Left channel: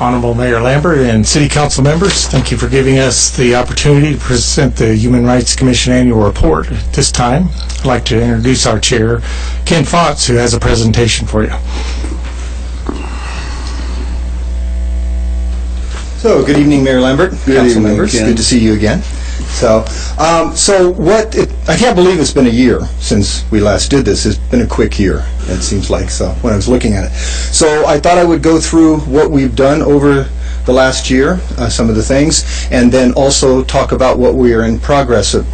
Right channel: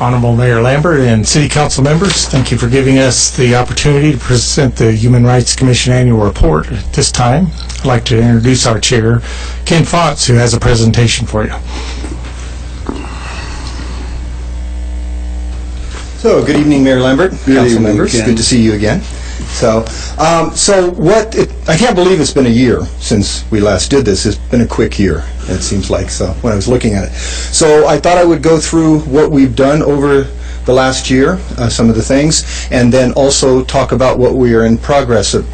Honorable Mayor Lambert and City Council members, thank you for giving us the opportunity to present the Human Rights Commission Annual Report. At this time, I'd like to introduce our chair, Ken Fotz, who has a presentation for you. So, good evening, Mayor Lambert, council members. Ken. Good to see you again. I can't believe it's been a year since we last did this. It's been a quick year, it seems like, so when I was looking at it. So I thought I would go through what we've done over the last year, some of the things, and then also talk about what we are in progress of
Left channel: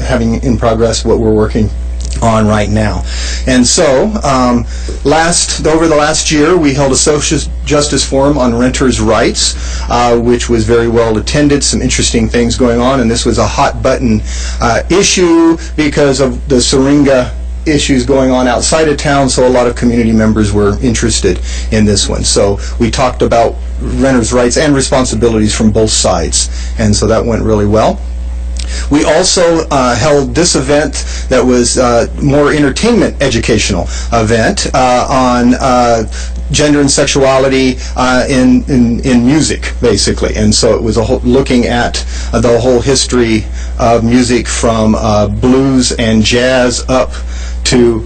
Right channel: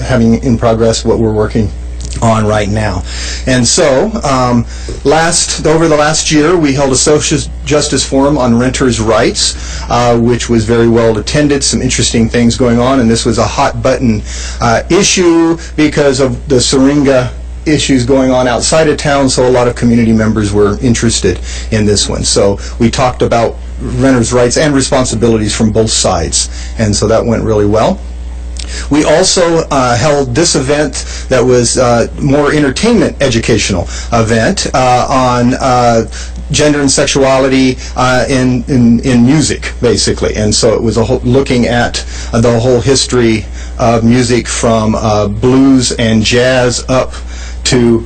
having in progress, what we're working on right now. And so, over the last year, we held a social justice forum on renters' rights, which was very well attended, some interesting things going on, and this was a hot button issue because of the Syringa issues going on outside of town, so a lot of community members were interested in this one. So we talked about renters' rights and responsibilities from both sides, and so that went really well. We also held this event that was more entertainment educational event on gender and sexuality in music, basically. And so it was looking at the whole history of music from blues and jazz up to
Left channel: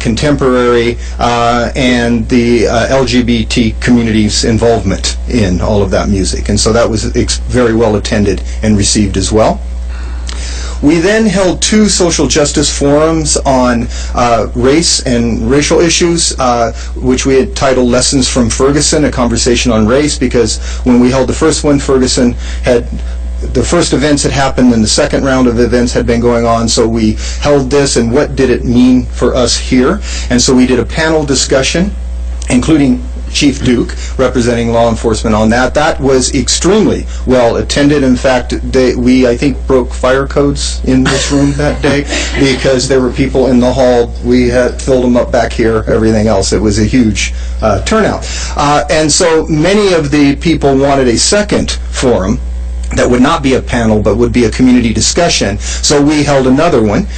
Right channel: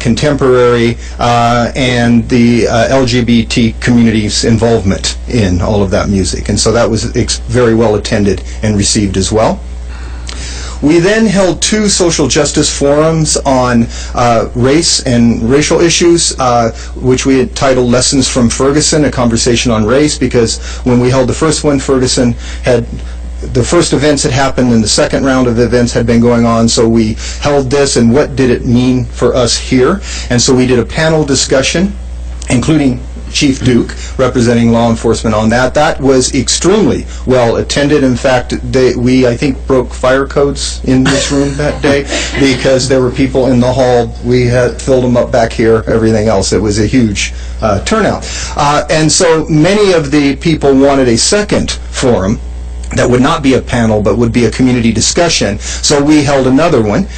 contemporary and the LGBT community's involvement in all of that music. And so that was very well attended and received as well. We then held two social justice forums on race and racial issues, which we had titled Lessons from Ferguson, a conversation on race, because when we held the first one, Ferguson had the first events had happened and the second round of events had been going on, so we held this and what did it mean for us here. And so we did a panel discussion, including Chief Duke, representing law enforcement on that. That was extremely well attended. In fact, we, I think, broke fire codes in this room that day because there were people in the hall. We had filled them up back here, everything else. It was a huge turnout. And so many of the people wanted a second forum that would not be a panel but would be a community discussion. So we held another one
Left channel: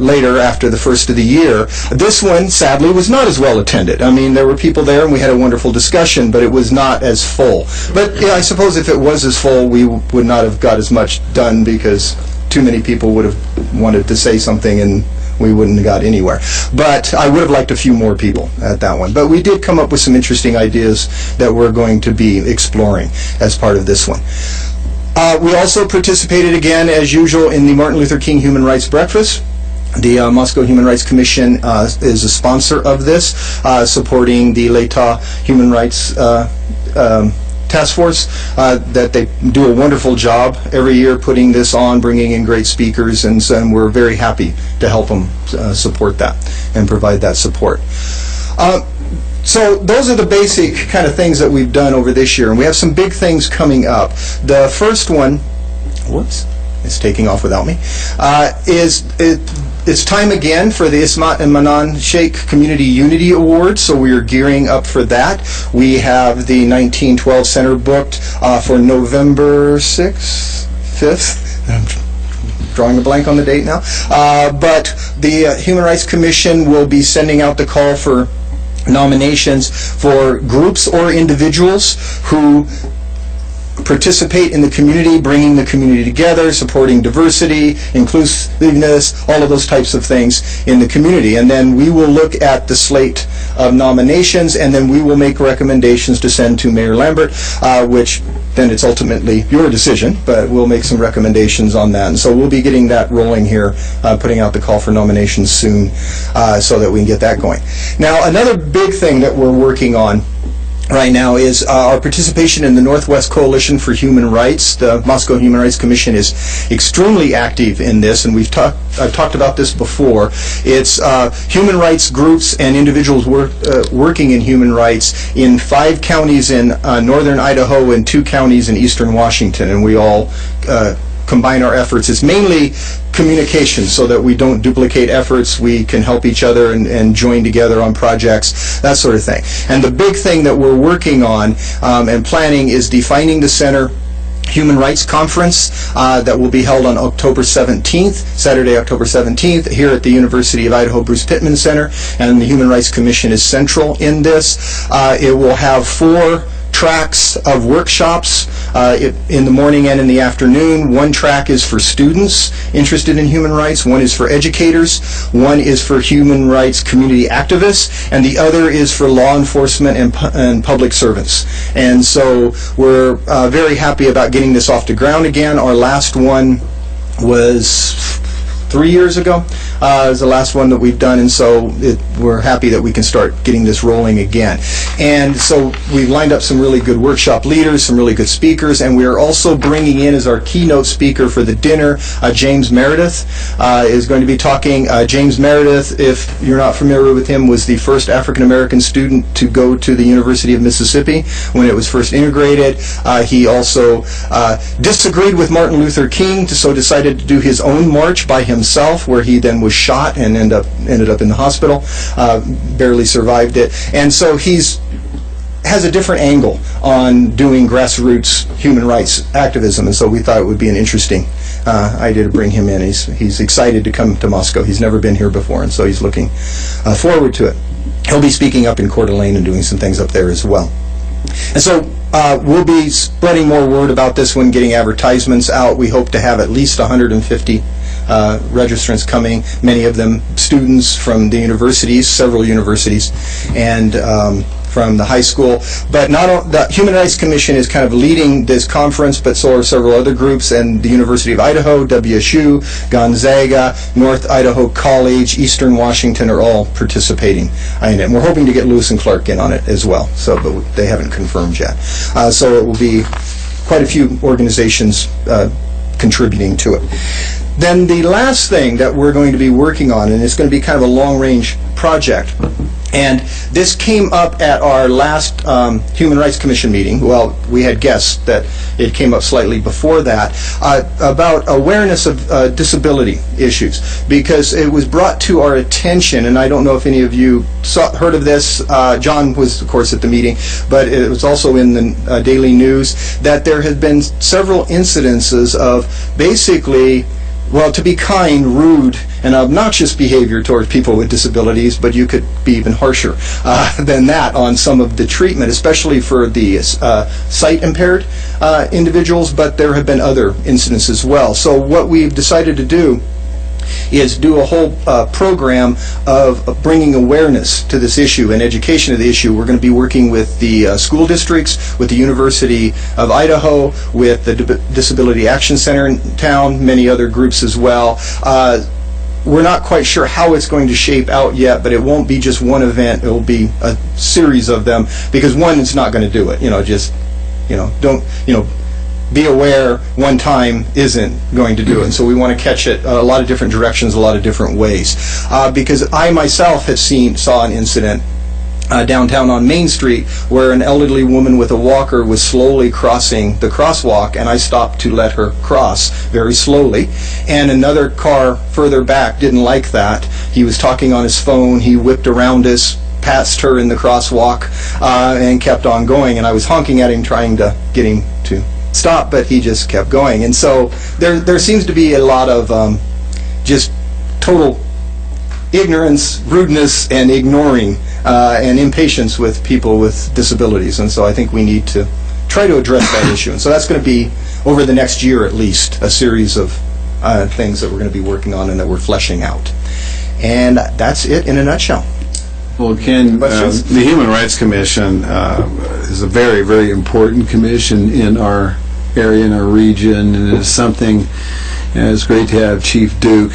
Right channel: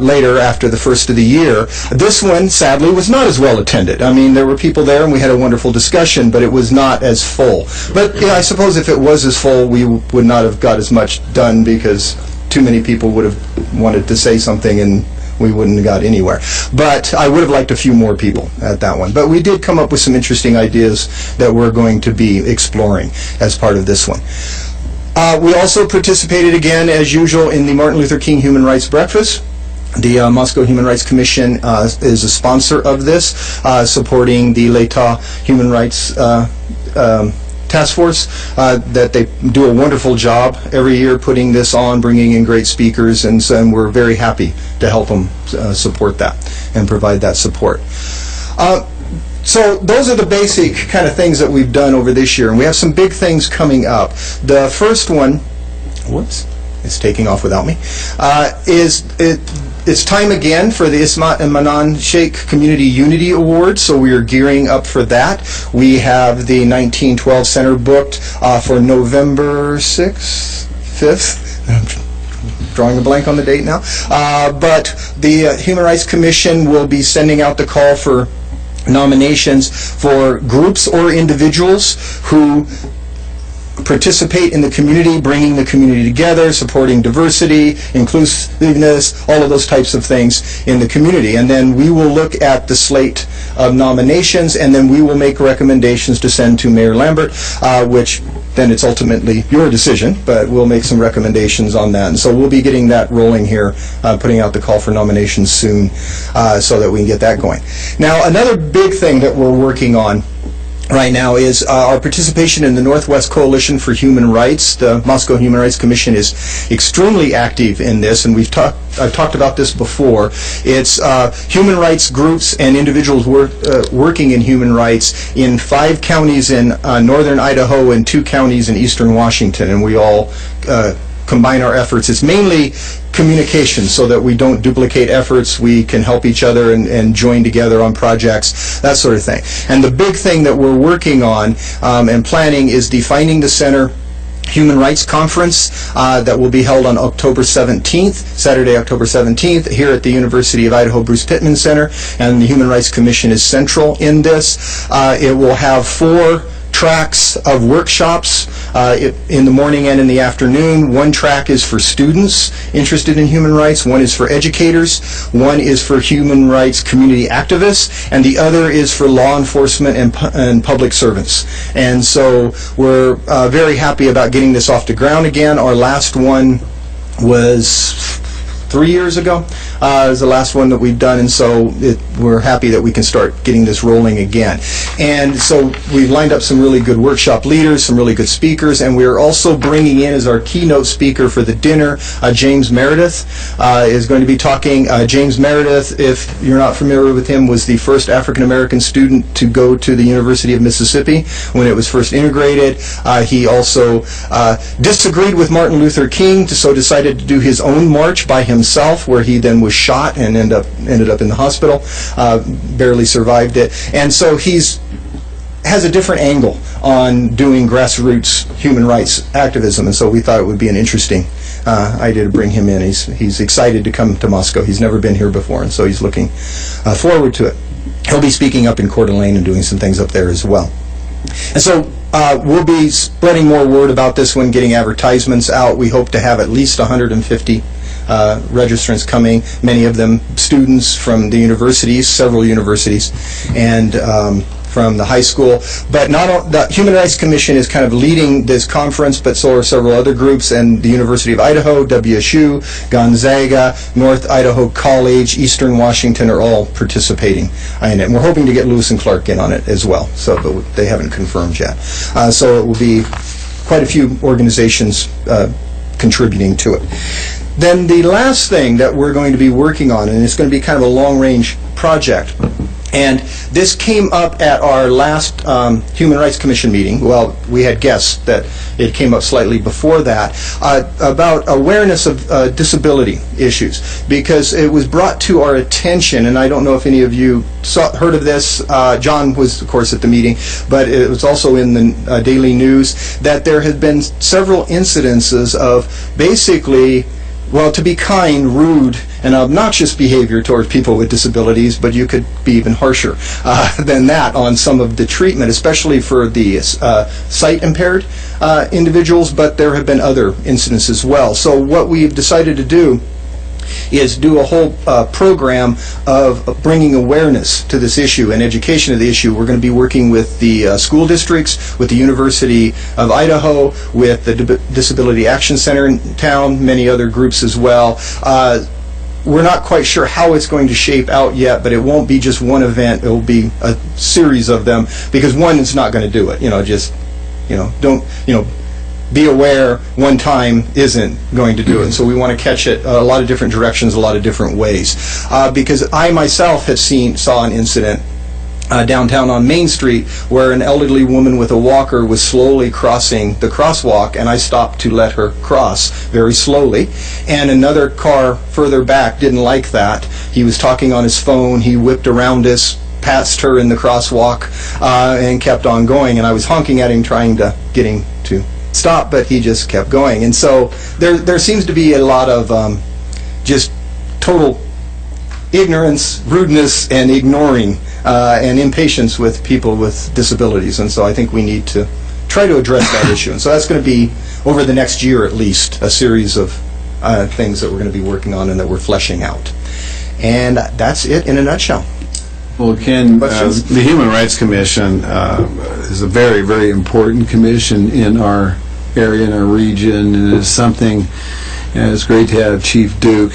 later after the first of the year. This one, sadly, was not as well attended. I mean, there were people there and we had a wonderful discussion, but it was not as full. But yeah, I suppose if it was as full, we would not have got as much done because too many people would have wanted to say something and we wouldn't have got anywhere. But I would have liked a few more people at that one. But we did come up with some interesting ideas that we're going to be exploring as part of this one. We also participated again, as usual, in the Martin Luther King Human Rights Breakfast. The Moscow Human Rights Commission is a sponsor of this, supporting the L'Etat Human Rights Task Force, that they do a wonderful job every year putting this on, bringing in great speakers, and we're very happy to help them support that and provide that support. So those are the basic kind of things that we've done over this year, and we have some big things coming up. The first one, whoops, it's taking off without me, it's time again for the Ismat and Manan Sheikh Community Unity Award, so we are gearing up for that. We have the 1912 Center booked for November 6th, 5th. I'm drawing a blank on the date now. But the Human Rights Commission will be sending out the call for nominations for groups or individuals who participate in the community, bringing the community together, supporting diversity, inclusiveness, all of those types of things in the community. And then we will look at the slate of nominations, and then we will make recommendations to send to Mayor Lambert, which then it's ultimately your decision, but we'll make some recommendations on that. And so we'll be getting that rolling here, putting out the call for nominations soon, so that we can get that going. Now, another big thing that we're working on right now is our participation in the Northwest Coalition for Human Rights. The Moscow Human Rights Commission is extremely active in this, and I've talked about this before. It's human rights groups and individuals working in human rights in 5 counties in northern Idaho and 2 counties in eastern Washington, and we all combine our efforts. It's mainly communication so that we don't duplicate efforts, we can help each other and join together on projects, that sort of thing. And the big thing that we're working on and planning is defining the center Human Rights Conference that will be held on October 17th, Saturday, October 17th, here at the University of Idaho Bruce Pittman Center, and the Human Rights Commission is central in this. It will have 4 tracks of workshops in the morning and in the afternoon. One track is for students interested in human rights, one is for educators, one is for human rights community activists, and the other is for law enforcement and public servants. And so we're very happy about getting this off the ground again. Our last one was 3 years ago, is the last one that we've done, and so we're happy that we can start getting this rolling again. And so we've lined up some really good workshop leaders, some really good speakers, and we're also bringing in as our keynote speaker for the dinner, James Meredith is going to be talking. James Meredith, if you're not familiar with him, was the first African-American student to go to the University of Mississippi when it was first integrated. He also disagreed with Martin Luther King, so decided to do his own march by himself, where he then was shot and ended up in the hospital, barely survived it. And so has a different angle on doing grassroots human rights activism, and so we thought it would be an interesting idea to bring him in. He's excited to come to Moscow. He's never been here before, and so he's looking forward to it. He'll be speaking up in Coeur d'Alene and doing some things up there as well. And so we'll be spreading more word about this one, getting advertisements out. We hope to have at least 150 registrants coming, many of them students from the universities, several universities, and from the high school. But the Human Rights Commission is kind of leading this conference, but so are several other groups, and the University of Idaho, WSU, Gonzaga, North Idaho College, Eastern Washington are all participating in it. And we're hoping to get Lewis and Clark in on it as well, but they haven't confirmed yet. So it will be quite a few organizations contributing to it. Then the last thing that we're going to be working on, and it's going to be kind of a long-range project, and this came up at our last Human Rights Commission meeting. Well, we had guessed that it came up slightly before that, about awareness of disability issues, because it was brought to our attention, and I don't know if any of you heard of this. John was, of course, at the meeting, but it was also in the daily news, that there had been several incidences of basically, well, to be kind, rude, and obnoxious behavior towards people with disabilities, but you could be even harsher than that on some of the treatment, especially for the sight-impaired individuals, but there have been other incidents as well. So what we've decided to do is do a whole program of bringing awareness to this issue and education of the issue. We're going to be working with the school districts, with the University of Idaho, with the Disability Action Center in town, many other groups as well. We're not quite sure how it's going to shape out yet, but it won't be just one event. It will be a series of them, because one is not going to do it. Be aware one time isn't going to do it. And so we want to catch it a lot of different directions, a lot of different ways. Because I myself saw an incident downtown on Main Street where an elderly woman with a walker was slowly crossing the crosswalk, and I stopped to let her cross very slowly. And another car further back didn't like that. He was talking on his phone. He whipped around us, passed her in the crosswalk, and kept on going. And I was honking at him, trying to get him to stop, but he just kept going. And so there seems to be a lot of just total ignorance, rudeness, and ignoring and impatience with people with disabilities. And so I think we need to try to address that issue. And so that's going to be, over the next year at least, a series of things that we're going to be working on and that we're fleshing out. And that's it in a nutshell. Well, Ken, the Human Rights Commission is a very, very important commission in our area, in our region, and it's something, and it's great to have Chief Duke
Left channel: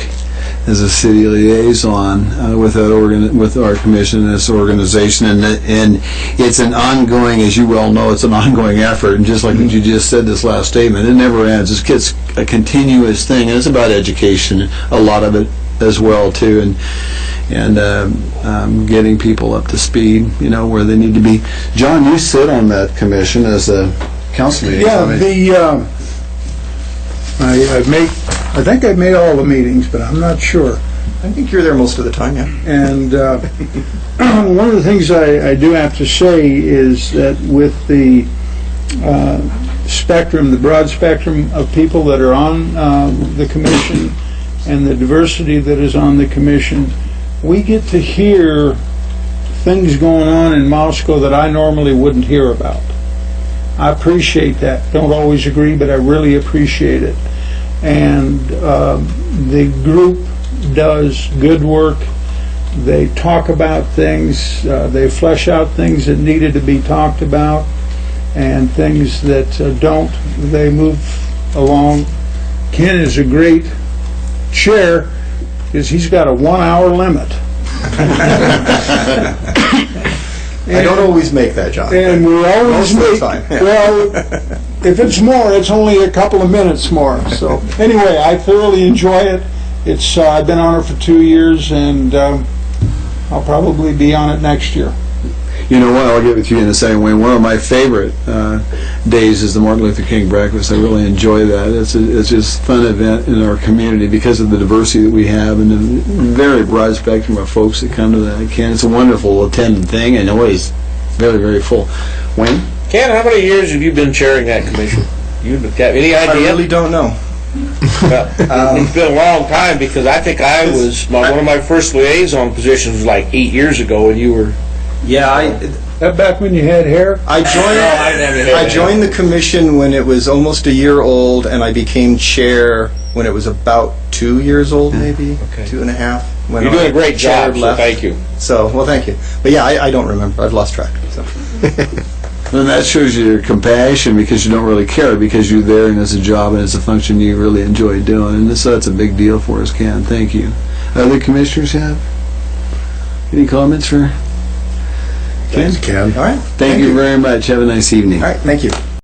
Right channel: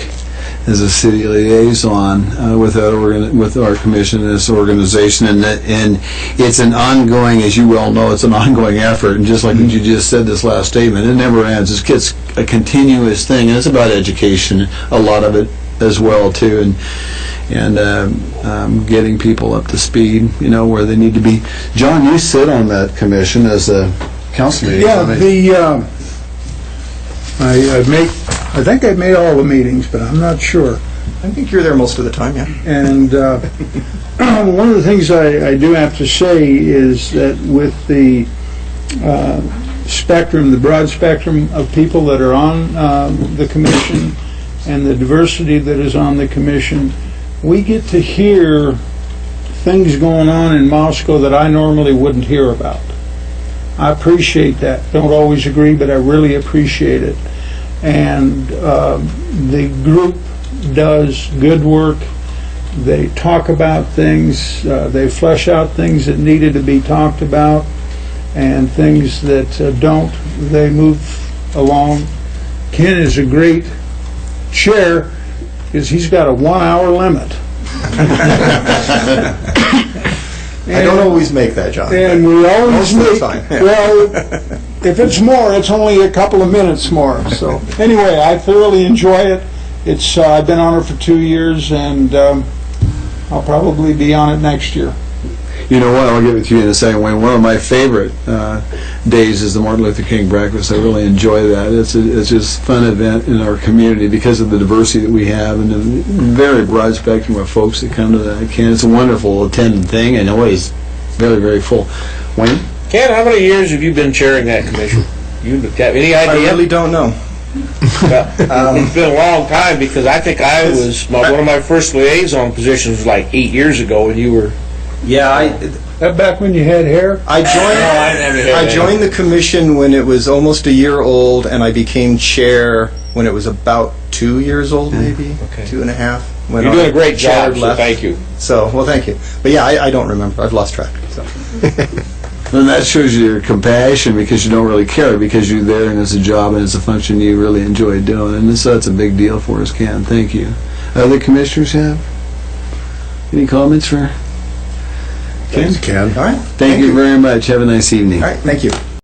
as a city liaison with our commission and this organization, and it's an ongoing, as you well know, it's an ongoing effort, and just like what you just said, this last statement, it never ends. It's a continuous thing, and it's about education, a lot of it as well too, and getting people up to speed, where they need to be. John, you sit on that commission as a council meeting. Yeah, I think I've made all the meetings, but I'm not sure. I think you're there most of the time, yeah. And one of the things I do have to say is that with the spectrum, the broad spectrum of people that are on the commission and the diversity that is on the commission, we get to hear things going on in Moscow that I normally wouldn't hear about. I appreciate that. Don't always agree, but I really appreciate it. And the group does good work. They talk about things, they flesh out things that needed to be talked about, and things that don't, they move along. Ken is a great chair because he's got a 1 hour limit. I don't always make that, John. And we always Most of the make, time, yeah. well, if it's more, it's only a couple of minutes more. So anyway, I thoroughly enjoy it. It's I've been on it for 2 years, and I'll probably be on it next year. You know what? I'll get with you in a second. Wayne. One of my favorite days is the Martin Luther King breakfast. I really enjoy that. It's just a fun event in our community because of the diversity that we have and the very broad spectrum of folks that come to that. Ken, it's a wonderful attendant thing and always very, very full. Wayne? Ken, how many years have you been chairing that commission? You got any I idea? really don't know. Well, it's been a long time because I think I was one of my first liaison positions was like 8 years ago, and you were. Yeah, That back when you had hair? I joined the commission when it was almost a year old, and I became chair when it was about 2 years old, maybe, Okay. 2.5. when You're our doing a great chair job, so left. thank you. So, well, thank you. But yeah, I don't remember. I've lost track. So. And that shows your compassion because you don't really care because you're there and it's a job and it's a function you really enjoy doing. And so that's a big deal for us, Ken. Thank you. Other commissioners have any comments for Ken? All right. Thank you very much. Have a nice evening. All right. Thank you.